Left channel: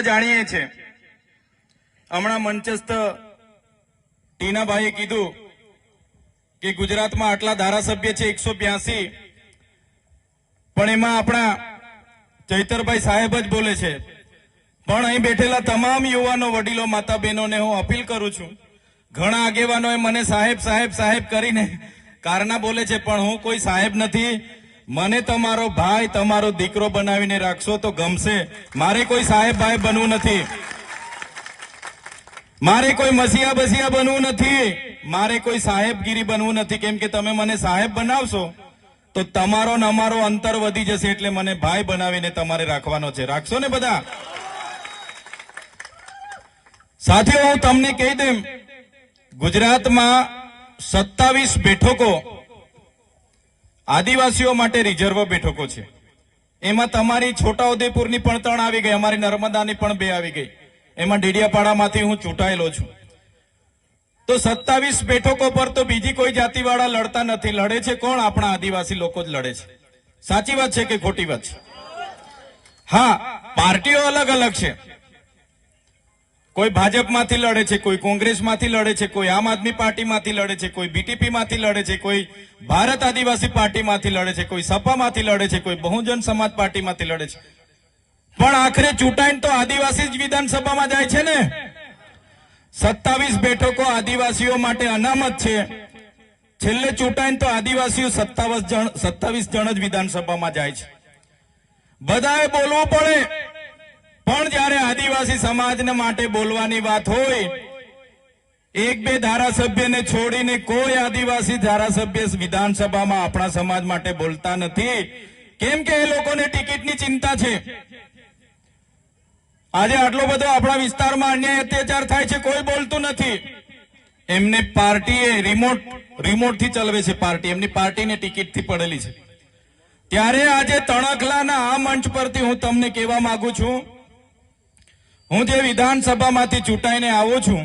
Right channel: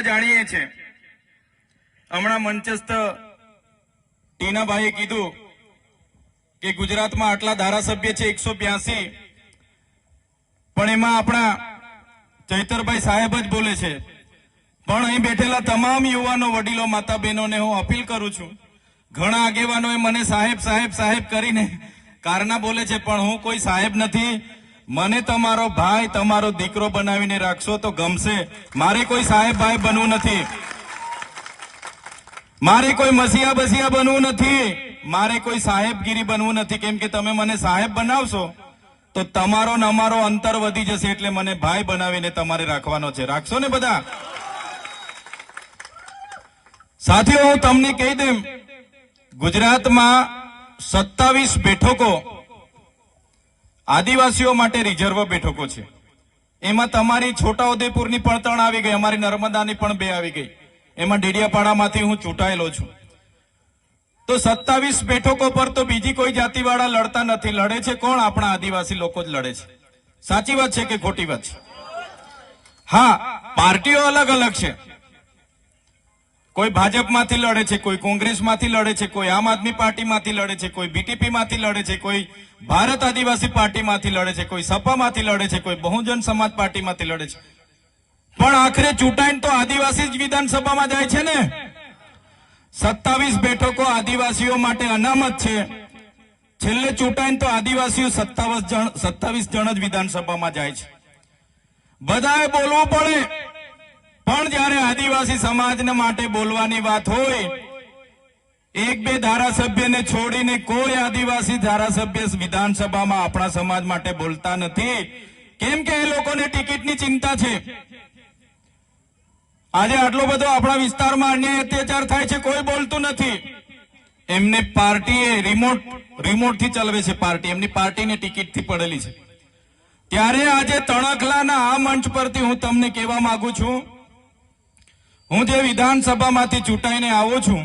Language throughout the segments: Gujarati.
જાણીએ છે. હમણાં મંચસ્થ ટીનાભાઈએ કીધું કે ગુજરાતમાં આટલા ધારાસભ્ય છે એકસો પણ એમાં આપણા ચૈતરભાઈ સાહેબ જ બોલે છે. પણ અહીં બેઠેલા તમામ યુવાનો વડીલો માતા બહેનોને હું અપીલ કરું છું. ઘણા આગેવાનોએ મને સાહેબ સાહેબ સાહેબ કરીને કારના બોલે છે, પણ હું કોઈ સાહેબ નથી. મને તમારો ભાઈ, તમારો દીકરો બનાવીને રાખશો તો ગમશે. મારે કોઈ સાહેબ ભાઈ બનવું નથી. મારે કોઈ મસીહા બસિયા બનવું નથી. મારે કોઈ સાહેબગીરી બનવું નથી. કેમ કે તમે મને સાહેબ બનાવશો, તો તમારો ને અંતર વધી જશે એટલે મને ભાઈ બનાવીને તમારે રાખવાનો છે. રાખશો ને બધા? સાથીઓ, હું તમને કહી દેમ ગુજરાતમાં સત્તાવીસ બેઠકો આદિવાસીઓ માટે રિઝર્વ બેઠકો છે. એમાં તમારી છોટાઉદેપુરની પણ ત્રણ આવી ગઈ, અમારી નર્મદાની પણ બે આવી ગઈ. એમાં ડેડિયાપાડામાંથી હું ચૂંટાયેલો છું. તો સત્તાવીસ બેઠકો પર તો બીજી કોઈ જાતિવાળા લડતા નથી. લડે છે કોણ? આપણા આદિવાસી લોકો જ લડે છે. સાચી વાત છે કે ખોટી વાત છે? હા, પાર્ટીઓ અલગ અલગ છે. કોઈ ભાજપમાંથી લડે છે, કોઈ કોંગ્રેસમાંથી લડે છે, કોઈ આમ આદમી પાર્ટીમાંથી લડે છે, કોઈ બીટીપીમાંથી લડે છે, કોઈ ભારત આદિવાસી પાર્ટીમાંથી લડે છે, કોઈ સપામાંથી લડે છે, કોઈ બહુજન સમાજ પાર્ટીમાંથી લડે છે. પણ આખરે ચૂંટાઈને તો આદિવાસી જ વિધાનસભામાં જાય છે ને? સત્તાવીસ બેઠકો આદિવાસીઓ માટે અનામત છે. છેલ્લે ચૂંટાઈને તો આદિવાસીઓ સત્તાવીસ જણ સત્તાવીસ જણ જ વિધાનસભામાં જાય છે. બધાએ બોલવું પડે. પણ જ્યારે આદિવાસી સમાજને માટે બોલવાની વાત હોય એક બે ધારાસભ્યને છોડીને કોઈ આદિવાસી ધારાસભ્ય વિધાનસભામાં આપણા સમાજ માટે બોલતા નથી. કેમ કે એ લોકોને ટિકિટની ચિંતા છે. આજે આટલો બધો આપણા વિસ્તારમાં અન્યાય અત્યાચાર થાય છે, કોઈ બોલતું નથી. એમને પાર્ટીએ રિમોટ રિમોટથી ચલાવે છે પાર્ટી. એમની પાર્ટીને ટિકિટથી પડેલી છે. ત્યારે આજે તણખલાના આ મંચ પરથી હું તમને કહેવા માંગુ છું. હું જે વિધાનસભામાંથી ચૂંટાઈને આવું છું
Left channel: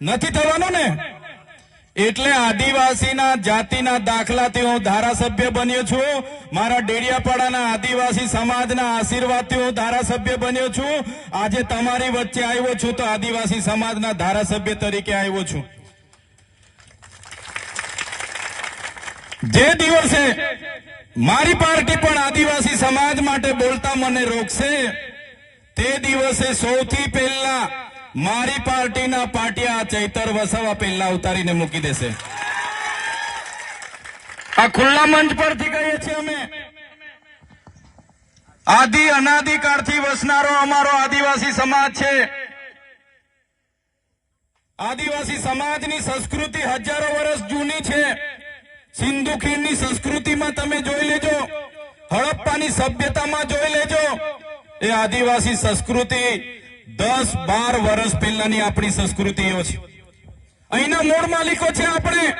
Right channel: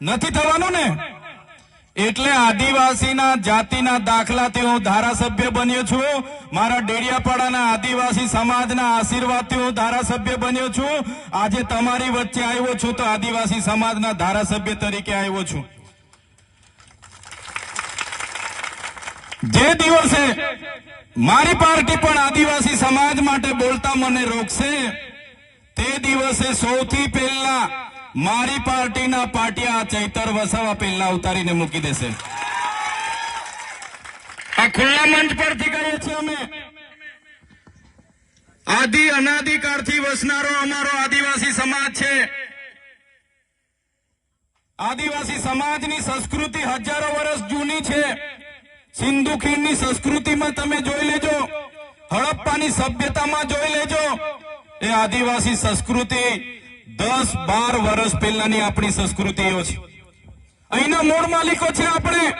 નથી થવાનું ને? એટલે આદિવાસીના જાતિના દાખલાથી હું ધારાસભ્ય બન્યો છું. મારા ડેડિયાપાડાના આદિવાસી સમાજના આશીર્વાદથી હું ધારાસભ્ય બન્યો છું. આજે તમારી વચ્ચે આવ્યો છું તો આદિવાસી સમાજના ધારાસભ્ય તરીકે આવ્યો છું. જે દિવસે મારી પાર્ટી પણ આદિવાસી સમાજ માટે બોલતા મને રોકશે, તે દિવસે સૌથી પહેલા મારી પાર્ટીના પાટિયા ચૈતર વસાવા પહેલા ઉતારીને મૂકી દેશે. આ ખુલ્લા મંચ પરથી કહીએ છીએ અમે. આદિ અનાદિકાળથી વસનારો અમારો આદિવાસી સમાજ છે. આદિવાસી સમાજની સંસ્કૃતિ હજારો વર્ષ જૂની છે. સિંધુ ખીણની સંસ્કૃતિમાં તમે જોઈ લેજો. હડપ્પાની સભ્યતામાં જોઈ લેજો. એ આદિવાસી સંસ્કૃતિ દસ બાર વર્ષ પહેલાની આપણી સંસ્કૃતિઓ છે. અહીંના મૂળ માલિકો છે આપણે.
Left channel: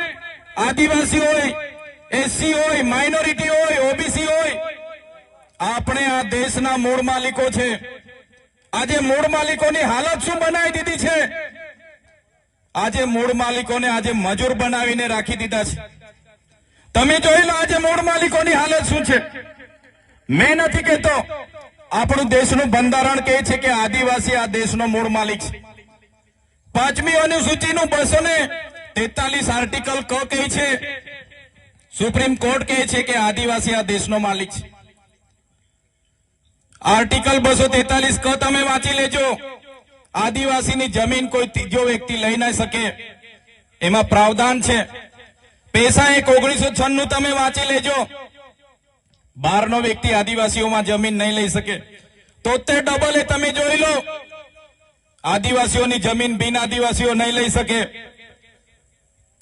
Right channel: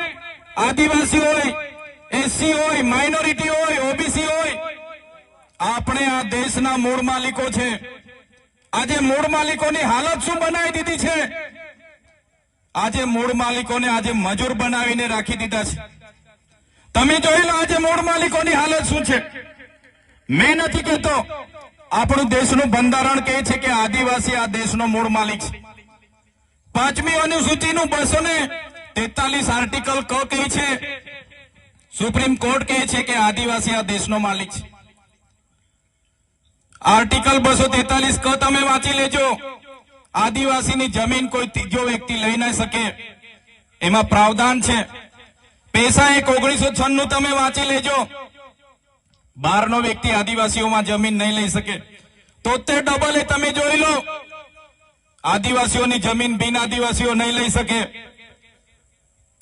આદિવાસી હોય એસસી હોય માઇનોરિટી હોય ઓબીસી હોય. આપણે આ દેશના મૂળ માલિકો છે. આજે મૂળ માલિકોની હાલત શું બનાવી દીધી છે? આજે મૂળ માલિકોને આજે મજૂર બનાવીને રાખી દીધા છે. તમે જોઈ લો આજે મૂળ માલિકોની હાલત શું છે? મેં નથી કહેતો. આપણું દેશનું બંધારણ કહે છે કે આદિવાસી આ દેશનો મૂળ માલિક છે. પાંચમી અનુસૂચિનું બસો ને તેતાલીસ આર્ટિકલ ક કહે છે. સુપ્રીમ કોર્ટ કહે છે કે આદિવાસી આ દેશનો માલિક છે. આર્ટિકલ બસો તેતાલીસ ક તમે વાંચી લેજો. આદિવાસીની જમીન કોઈ ત્રીજો વ્યક્તિ લઈ ન શકે. એમાં પ્રાવધાન છે. પૈસા એક ઓગણીસો છન્નું તમે વાંચી લેજો. બહારનો વ્યક્તિ આદિવાસીઓમાં જમીન નહીં લઈ શકે. તોતેર ડબલ એ તમે જોઈ લો. આદિવાસીઓની જમીન બિન આદિવાસીઓ નહીં લઈ શકે.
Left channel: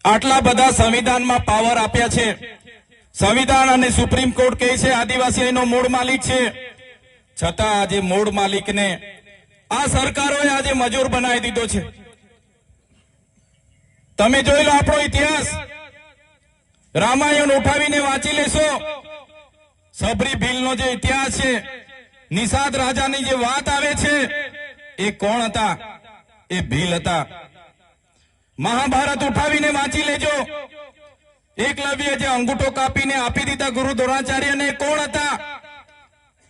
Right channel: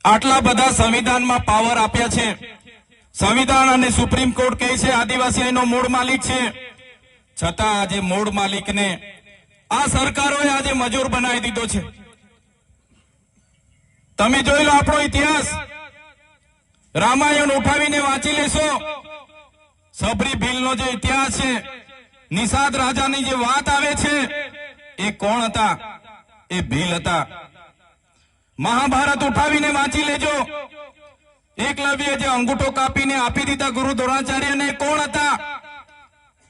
આટલા બધા સંવિધાનમાં પાવર આપ્યા છે. સંવિધાન અને સુપ્રીમ કોર્ટ કહે છે, આદિવાસી મૂળ માલિક છે. છતાં આજે મૂળ માલિકને આ સરકારોએ આજે મજૂર બનાવી દીધો છે. તમે જોઈ લો આપણો ઇતિહાસ. રામાયણ ઉઠાવીને વાંચી લેશો. સબરી ભીલનો જે ઇતિહાસ છે, નિષાદ રાજાની જે વાત આવે છે, એ કોણ હતા? એ ભીલ હતા. મહાભારત ઉઠાવીને વાંચી લેજો. એકલવ્ય જે અંગૂઠો કાપીને આપી દીધા ગુરુ દ્રોણાચાર્યને કોણ હતા?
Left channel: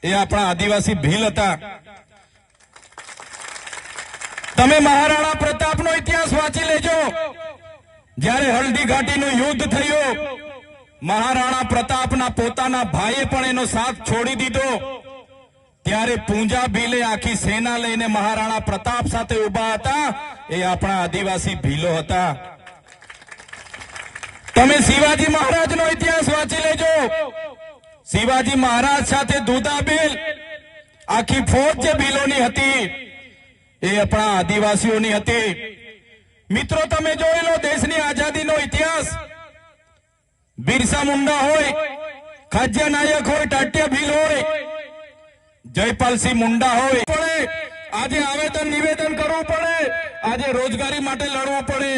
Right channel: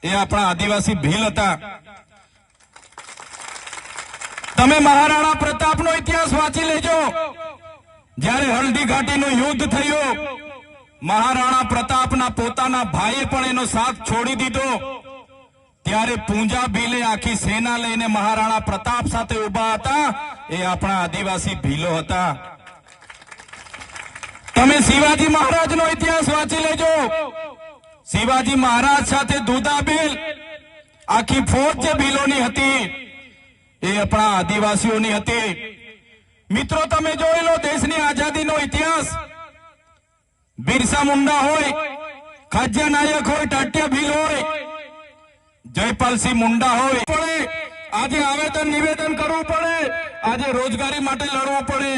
એ આપણા આદિવાસી ભીલ હતા. તમે મહારાણા પ્રતાપનો ઇતિહાસ વાંચી લેજો. જ્યારે હલ્દી ઘાટીનું યુદ્ધ થયું મહારાણા પ્રતાપના પોતાના ભાઈએ પણ એનો સાથ છોડી દીધો. ત્યારે પૂંજા ભીલે આખી સેના લઈને મહારાણા પ્રતાપ સાથે ઊભા હતા. એ આપણા આદિવાસી ભીલો હતા. તમે શિવાજી મહારાજનો ઇતિહાસ વાંચી લેજો. શિવાજી મહારાજ સાથે દુધાબેલ આખી ફોજ જે ભીલોની હતી, એ આપણા આદિવાસીઓની હતી. મિત્રો, તમે જોઈ લો દેશની આઝાદીનો બિરસા મુંડા હોય, ખાજ્ય નાયક હોય, ટાટ્ય ભીલ હોય, જયપાલસિંહ મુંડા હોય. આજે આવેદન, નિવેદન કરવું પડે. આજે રોજગારી માટે લડવું પડે.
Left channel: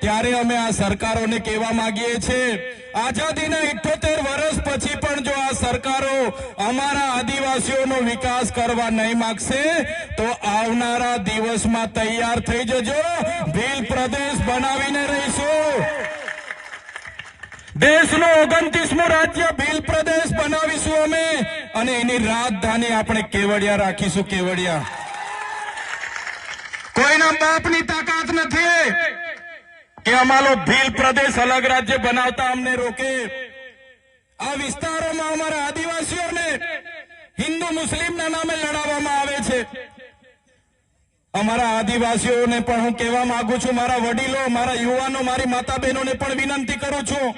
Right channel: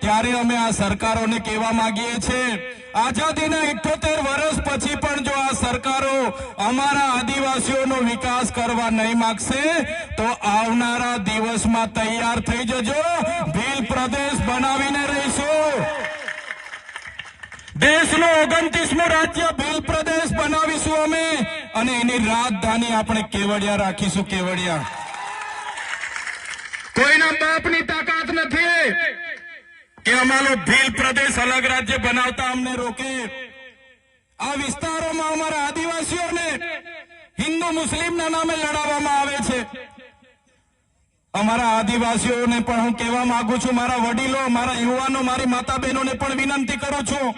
ત્યારે અમે આ સરકારોને કહેવા માંગીએ છીએ, આઝાદીના ઇઠોતેર વર્ષ પછી પણ જો આ સરકારો અમારા આદિવાસીઓનો વિકાસ કરવા નહીં માગશે, તો આવનારા દિવસમાં તૈયાર થઈ જજો. ભીલ પ્રદેશ બનાવીને રહીશું. દેશનો ઓગણત્રીસમું રાજ્ય ભીલ પ્રદેશ બનાવીશું અમે. અને એની રાજધાની આપણે કેવડિયા રાખીશું, કેવડિયા. કોઈના બાપની તાકાત નથી કે અમારો ભીલ પ્રદેશ અલગ રાજ્ય બનાવતા અમને રોકે. આ વિસ્તારોમાં અમારા આદિવાસીઓને હિન્દુ મુસ્લિમના નામે લડાવવામાં આવે છે. અમારા આદિવાસીઓને પણ હું કહેવા માંગુ છું, મારા વડીલો, મારા યુવાનો, મારી માતા બહેનોને પણ વિનંતી કરું છું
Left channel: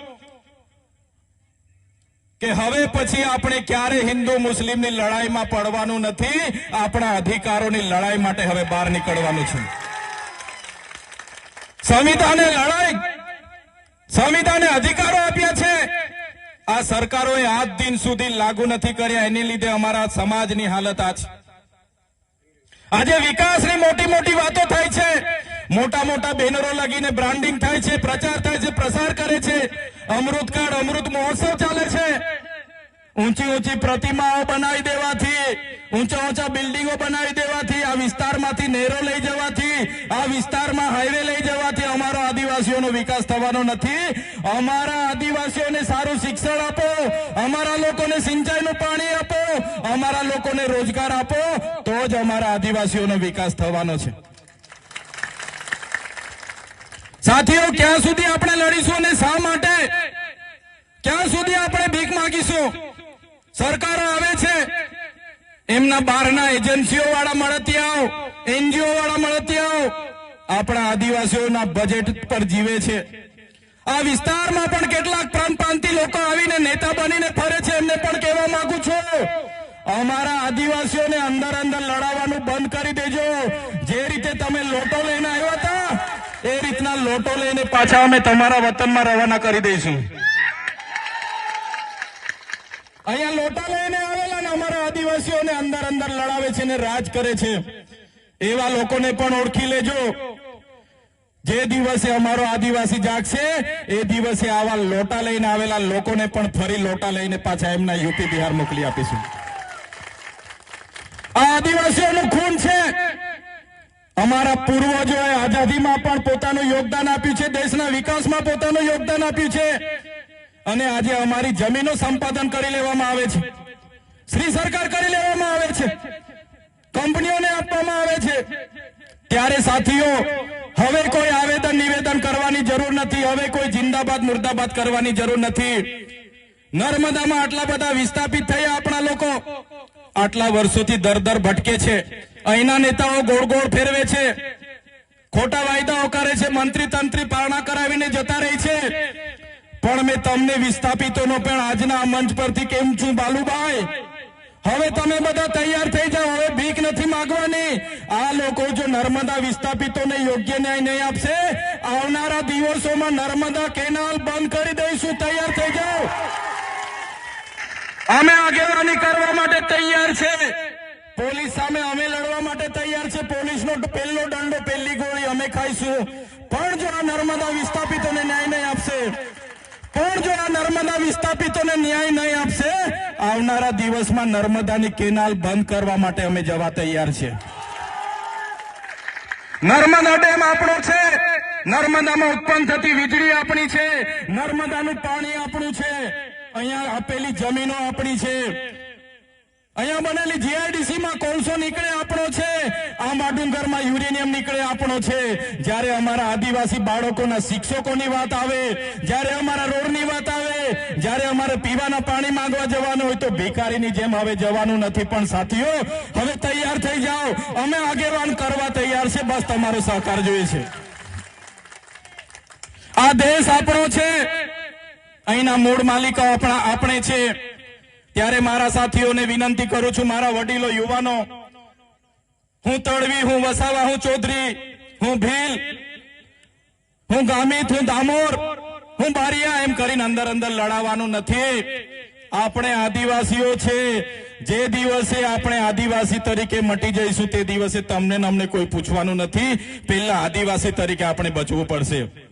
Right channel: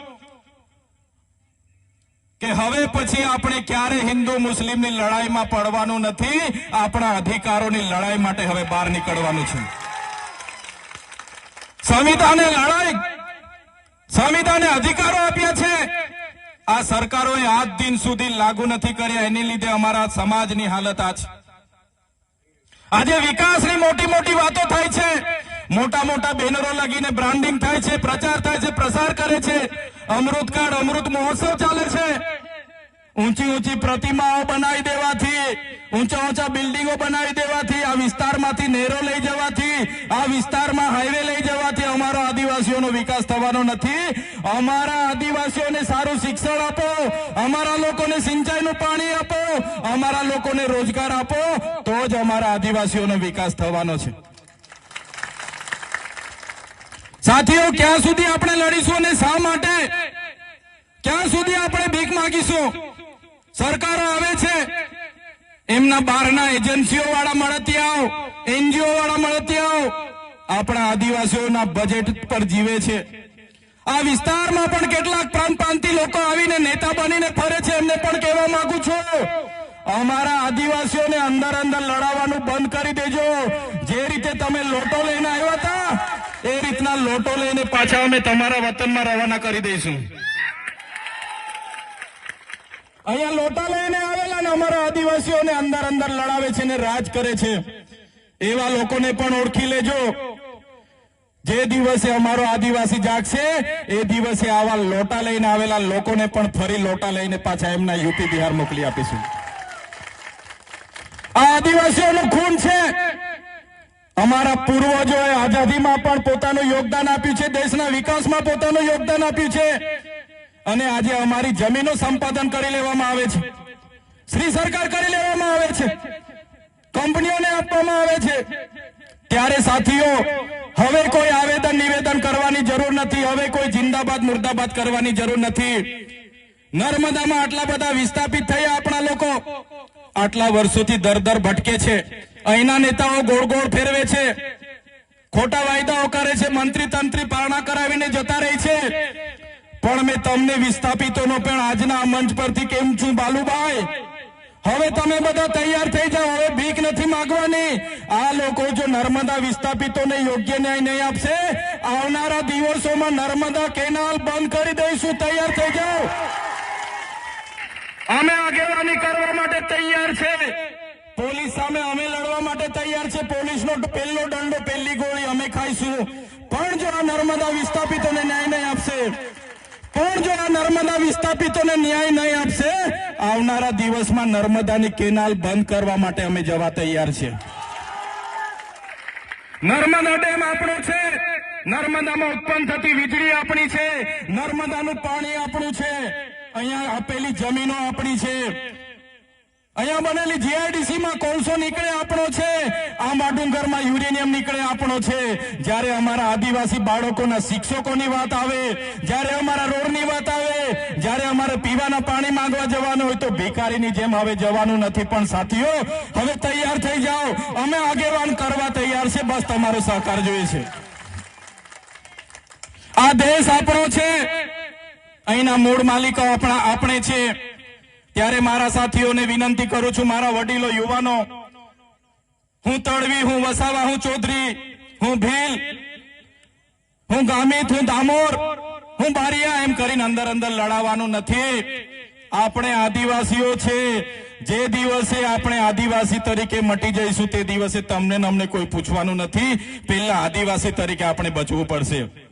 કે હવે પછી આપણે ક્યારે હિન્દુ મુસ્લિમની લડાઈમાં પડવાનું નથી? આપણા અધિકારોની લડાઈ માટે હવે બહાર નીકળવાનું છે. સંવિધાને લડાઈ. સંવિધાને અધિકારો આપ્યા છે. આ સરકારોએ આજ દિન સુધી લાગુ નથી કર્યા. એની લીધે અમારા સમાજની હાલત આ છે આજે વિકાસની મોટી મોટી વાતો થાય છે. મોટા મોટા બેનરો લાગીને બ્રાન્ડિંગ થાય છે, પ્રચાર થાય છે, પ્રસાર કરે છે. અમૃત કાળ, અમૃત મહોત્સવ ચાલે છે. ઊંચી ઊંચી પ્રતિમાઓ બનાવી દેવાથી, ઊંચા ઊંચા બિલ્ડિંગો બનાવી દેવાથી, આ વિસ્તારમાંથી નહેરો લઈ જવાથી, આ વિસ્તારમાં હાઈવે લઈ જવાથી અમારા આદિવાસીઓનો વિકાસ થવાનો નથી. અમારા આદિવાસીઓને સારું શિક્ષણ આપો, અમારા લોકોને સિંચાઈનું પાણી આપો, અમારા લોકોને રોજગાર આપો, તો જ અમારા આદિવાસીઓનો વિકાસ થવાનો છે. સાથીઓ, ક્યાં સુધી આપણે લડીશું અને શા માટે? ક્યાં સુધી આપણે ભીખ માંગીશું? સરકારો આવે છે. એમના બહારના એજન્સીઓ વાળા મળતિયાઓ એનજીઓ વાળા મળતિયાઓ આપણા આદિવાસીઓના બજેટ પર જીવે છે. આ વિસ્તારમાં પણ કેટલાક પ્રાંત પ્રાંતિ લોકો આવીને નેતા બનીને ફરે છે, એમને પણ કહેવા માંગુ છું. અમારા આદિવાસીઓને અંદર અંદર લડાવવાનું બંધ કરી દેજો. રીતના લઈને પાછા અમે તમારા વતનમાં રવાના કરી દઈશું. અહીંયા લોટા લઈને આવેલા ને અમારા આદિવાસીઓને અંદર અંદર લડાવે છે ને રાજ કરે છે. એવા લોકોને પણ ઓળખી લેજો. જે દિવસે અમારો આદિવાસી જાગશે, એ દિવસે આવા લોટા લઈને આવેલા લોકોને પણ ફરી લોટા લઈને પાછા એમના યુપી બિહાર મોકલી આપીશું. આ આદિવાસીઓનું અમારા પૂર્વજોએ આઝાદીમાં પણ પોતાનું યોગદાન આપ્યું છે, દેશના વિકાસમાં પોતાનું યોગદાન આપ્યું છે. અને આજે અમારી જમીનો સંપાદન કરી લેવામાં આવે છે. શ્રી સરકાર કરી લેવામાં આવે છે. કંપનીઓને આપવામાં આવે છે. ત્યારે સાથીઓ, હવે કોઈ આવેદન નિવેદન કરવાની જરૂર નથી. હવે કોઈ જિંદાબાદ, મુર્દાબાદ કરવાની જરૂર નથી. નર્મદામાં આટલા બધા વિસ્થાપિત થયા આપણા લોકો. આટલા વર્ષોથી દર દર ભટકે છે. અહીંના નેતાઓ ગોળ ગોળ ફેરવે છે. ખોટા વાયદાઓ કરે છે. મંત્રી તંત્રી પારણા કરાવીને જતા રહી છે. પણ મેં તમને વિસ્થાપિતોનો પણ આજના મંચ પરથી કેમ છું બાલુભાઈ? હવે તમે બધા તૈયાર થઈ જાઓ. હવે ભીખ નથી માંગવાની. આ લોકો જો નર્મદા વિસ્થાપિતોને યોગ્ય ન્યાય નહીં આપશે, આવનારા દિવસોમાં નર્મદા કેનાલ બંધ કરી દઈશું. તૈયાર થઈ જાઓ. અમે આગેવાની કરવા માટે તૈયાર છે. પોલીસ સામે અમે લડવા માટે તૈયાર છે. પોલીસનો પહેલો દંડો, પહેલી ગોળી અમે ખાઈશું. પણ જો આ નર્મદા વિસ્થાપિતોને ન્યાય નહીં આપશે, પણ જો આ નર્મદા વિસ્થાપિતોને ન્યાય નહીં આપશે, આવનારા દિવસમાં નર્મદાની કેનાલ બંધ કરવા માટે અમે જવા તૈયાર છે. નર્મદા ડેમ આપણો છે. નર્મદામાં ઉત્પન્ન થતી વીજળી આપણી છે. નર્મદાનું પાણી આપણું છે. અહીંયા આપેલી જમીનો આપણી છે. અહીંયા બનેલી જીઆઈડીસી માં કોલસો નીકળે આપણો છે. આંબા ડુંગરમાં યુરેનિયમ નીકળે આપણો છે. જ્યારે અમારા આદિવાસી બાળકોના શિક્ષકોની વાત આવે, જ્યારે અમારા રોડની વાત આવે, જ્યારે અમારે પીવાના પાણી માંગવા જવાનું હોય તો ભિખારીની જેમ હવે જવાનું નથી પણ સાથીઓ, હવે તૈયાર થઈ જાઓ. અમે આગેવાન કરવા તૈયાર છે. બસ તમારો સહકાર જોઈએ છે. આ દેશ આપણો છે. અહીંના મૂળ માલિકો આપણા આપણે છે. ત્યારે મારા સાથીઓને વિનંતી કરું છું, મારા વડીલો, યુવાનો, હું તળવી હું વસાવા, હું ચૌધરી, હું ભીલ, હું ગામિત, હું દામોર, હું બારિયા, એમ કરીને અંદર અંદર લડાવવાનું નથી. આપણે આદિવાસીઓ છે, જે દિવસે આપણે આદિવાસી તરીકે મટી જઈશું, તે દિવસે તમને અમને કોઈ પૂછવાનું નથી. પેલા આદિવાસી તરીકે આપણે બચવું પડશે.